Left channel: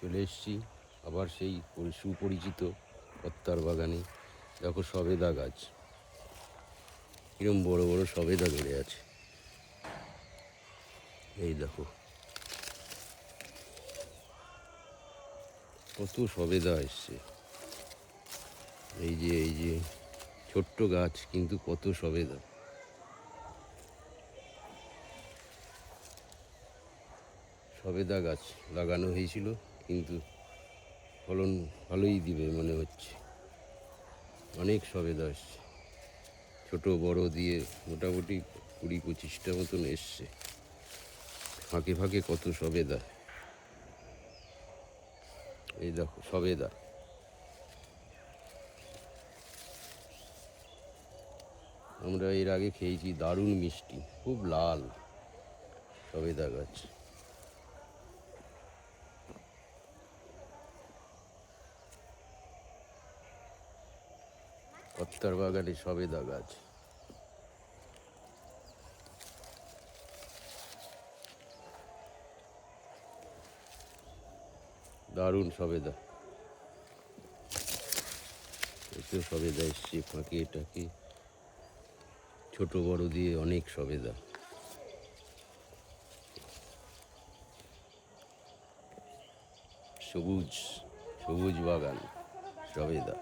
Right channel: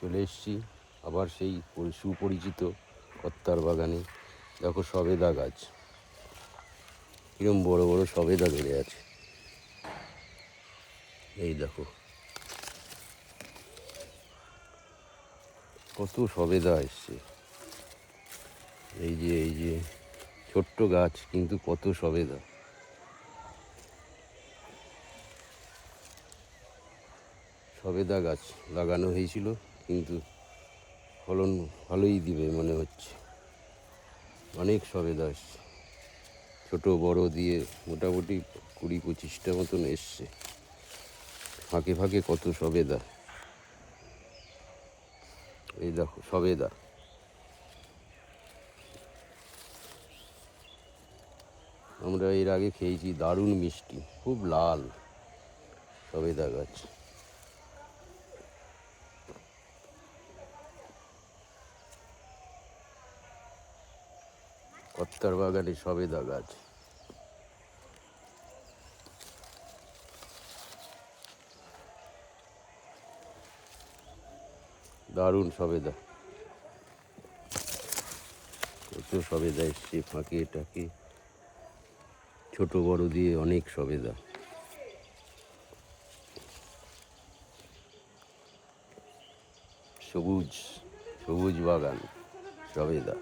চলে এসেছি আবার সেই সুপরিচিত কত্তার বাগানে। দেখো সবেদা গাছ, কিরম বড় বড় সবেদা ধরে আছে। এই দেখো কত সবেদা এসছে। এই যে ছোট্ট গাছ, কিন্তু কত সবেদা। সবেদা গাছ লাগানো হয়েছিল, কিন্তু ফলন ভালোই দিবে মনে হচ্ছে। অনেক সবেদা এসছে, ছোট বড় দিয়ে মোটামুটি 20-25টা মতন এসছে। ফাঁকে ফাঁকে কত সবেদা। এই দেখো সবেদা। আমরা এর আগে খেয়েছি, দারুণ মিষ্টি, খুব লাল সবেদা গাছ। কত্তার বাগানে সবেদা গাছ। দারুণ সবেদা, কত সবেদা এসছে ফাঁকে টাকে, ছোট বড় দিয়ে অনেক সবেদা। সবুজ সবুজ বাগান, সবেদা।